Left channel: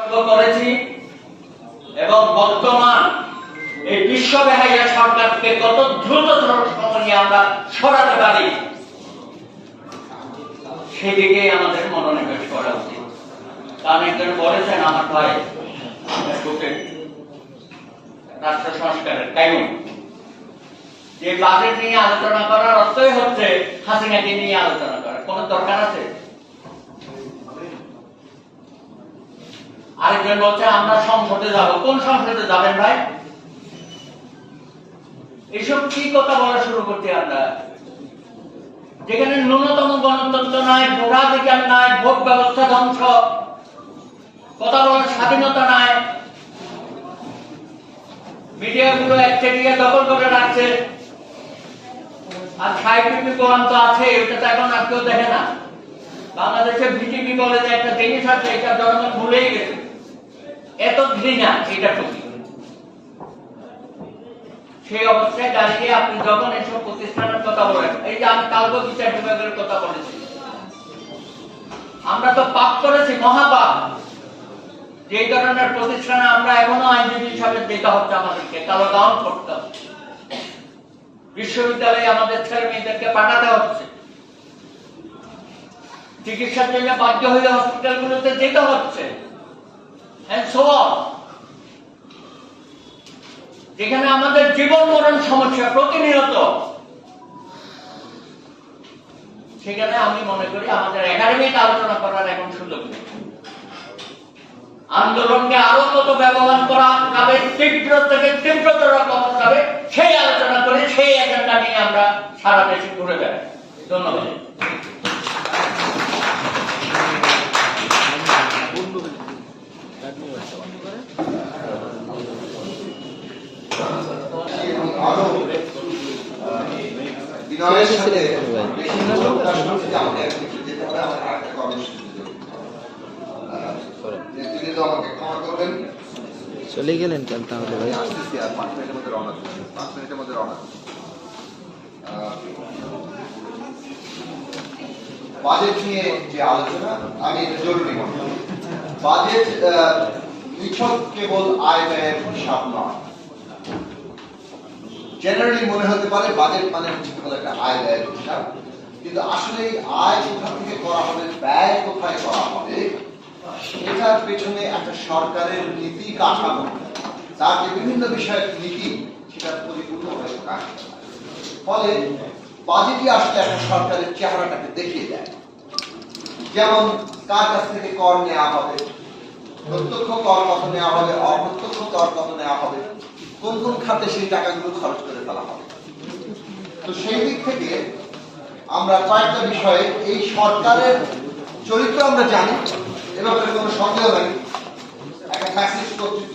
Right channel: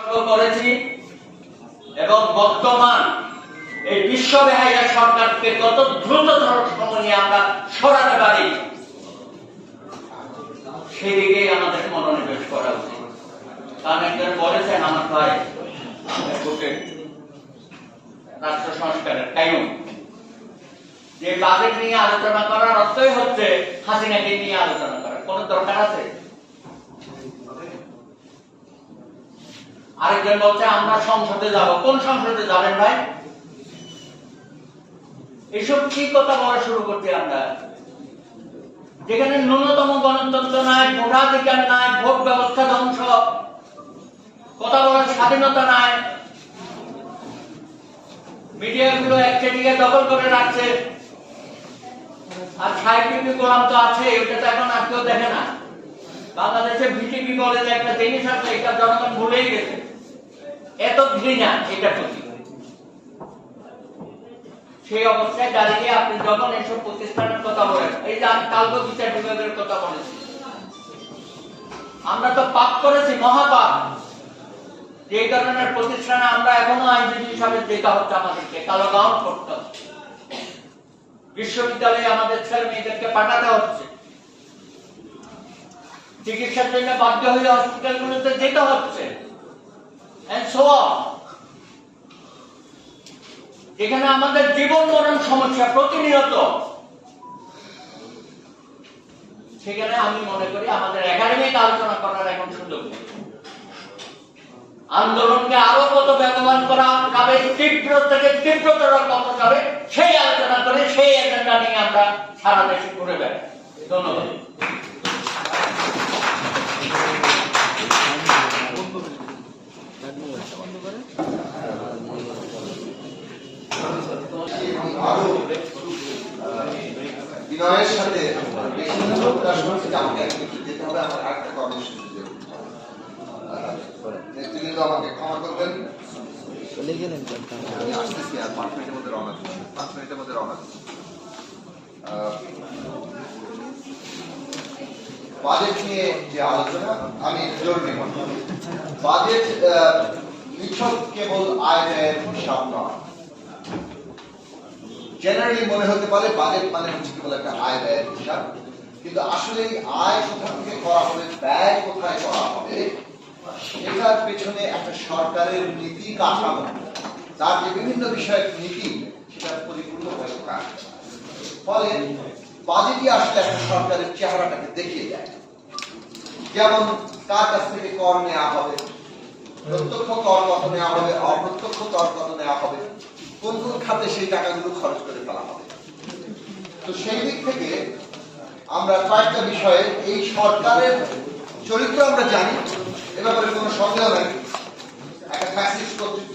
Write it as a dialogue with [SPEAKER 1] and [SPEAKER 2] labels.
[SPEAKER 1] করেছি এবং বর্তমান এই বিশ্ব সরকারকে কত দ্রুততর সময়ে আমরা সরাতে পারি, সেদিকে আমাদের মনোনিবেশ করা উচিত। কারণ একজন বলেছেন আমার ভাই রাষ্ট্র সংস্কারের কায়ুম। যে বাজেট নিয়ে আলোচনা করার অর্থই হচ্ছে হাসিনাকে নিয়ে আলোচনা করার। কোন দরকার আছে? আরেকজন বলছে, আমরা সংসদে যাব। কোন সংসদে যাবেন ভাই? এসব কি কথা বলা শুরু করছি আমরা? যেখানে ন্যূনতম গণতন্ত্র নাই, ভোটাধিকার নাই, ভোট ব্যবস্থা ধ্বংস, কথা বলার স্বাধীনতা নাই। মিডিয়াগুলো একচেটিয়া দখল করে রাখছে। আর সাহিত্যিক গোলাম তো আছে, ওটা তো এখন আর কেউ দেখে না। বাংলাদেশে ভিটিপি যে একটা জিনিস আছে, এটা জনগণ ভুলেই গেছে। এত ঘৃণা, এটা প্রতি সেই অবস্থায় দাঁড়িয়ে আপনি যখন এসব প্রতিষ্ঠানের কথা বলেন, এই যে আমি কালকে বিচার বিভাগের কথা বলেছি, আমরা তো পাপ করেছি, মহাপাপ। যে ধরনের প্রতিষ্ঠানে আমরা এখনও আইনজীবী হিসাবে যেতে হচ্ছে আমাদেরকে, কালো গাউন করতে হচ্ছে বিশ্ববিদ্যালয়ে আমাদের ছেলে মেয়েদেরকে পাঠাতে হচ্ছে। চিকিৎসার জন্য বাধ্য হয়ে হসপিটালগুলোতে যেতে হচ্ছে। And so on. যেখানে আমাদের জীবন মরণ সমস্যা প্রতিনিয়ত। সেখানে আমি মনে করি আমাদের একাডেমিক আলোচনা করার এখন সুযোগ নেই। আন্দোলনকে আরও কত ব্যবহার করা যাবে তীব্র থেকে তীব্রতর কত যাবে, সেই আলোচনা করে সেই এজেন্ডা নিয়ে আমরা সারা দেশে ঘুরে বেড়াই। ধন্যবাদ।
[SPEAKER 2] আরও বিনয়ের সাথে বেশি প্রত্যাশা করছি যে আমাকে একটু একটু যেতে হবে আমার আরেকটা কর্মসূচি নেতৃবৃন্দ আমাকে ক্ষমা করবেন
[SPEAKER 3] চলে গেলেন কেন তাহলে
[SPEAKER 2] আসতেছি আর পাঁচ মিনিটের মধ্যে রওনা দিচ্ছি পাঁচ মিনিটের মধ্যে রওনা আহ, বাজেট নিয়ে যে আলোচনা আমি জরুরি মনে বাজেট নিছক কেবল আয় ব্যয়ের হিসাব নয়। জেনারেলি মনে হতে পারে বাজেট মানে হচ্ছে কেবল একটা আয় ব্যয়ের হিসাব। কিন্তু আসলে এই আয় কোথা থেকে করা হবে, ব্যয় কোথায় করা হবে এটার পেছনে একটা সরকারের নীতি কাঠামো। তার যে বিভিন্ন বিষয়ের নীতি, সেটা পরিপূর্ণভাবে কাজ করে। ফলে বাজেটই আসলে একটা সরকারের চেহারাটাকে দেখিয়ে দেয়। যেমন কার কাছ থেকে কর নেওয়া হবে, প্রত্যক্ষ কর কত নেওয়া হবে, অপ্রত্যক্ষ কর কত নেওয়া হবে কোন কোন খাতে সেই টাকাগুলো খরচ করে ফেলা হবে? তো সেই দিক থেকে আমরা কয়েকটা বিষয়ে এই সরকারের চরিত্র আমরা জানি, এ ব্যাপারে কোনো সন্দেহ নাই। একটা ফ্যাসিস্ট কর্তৃত্ব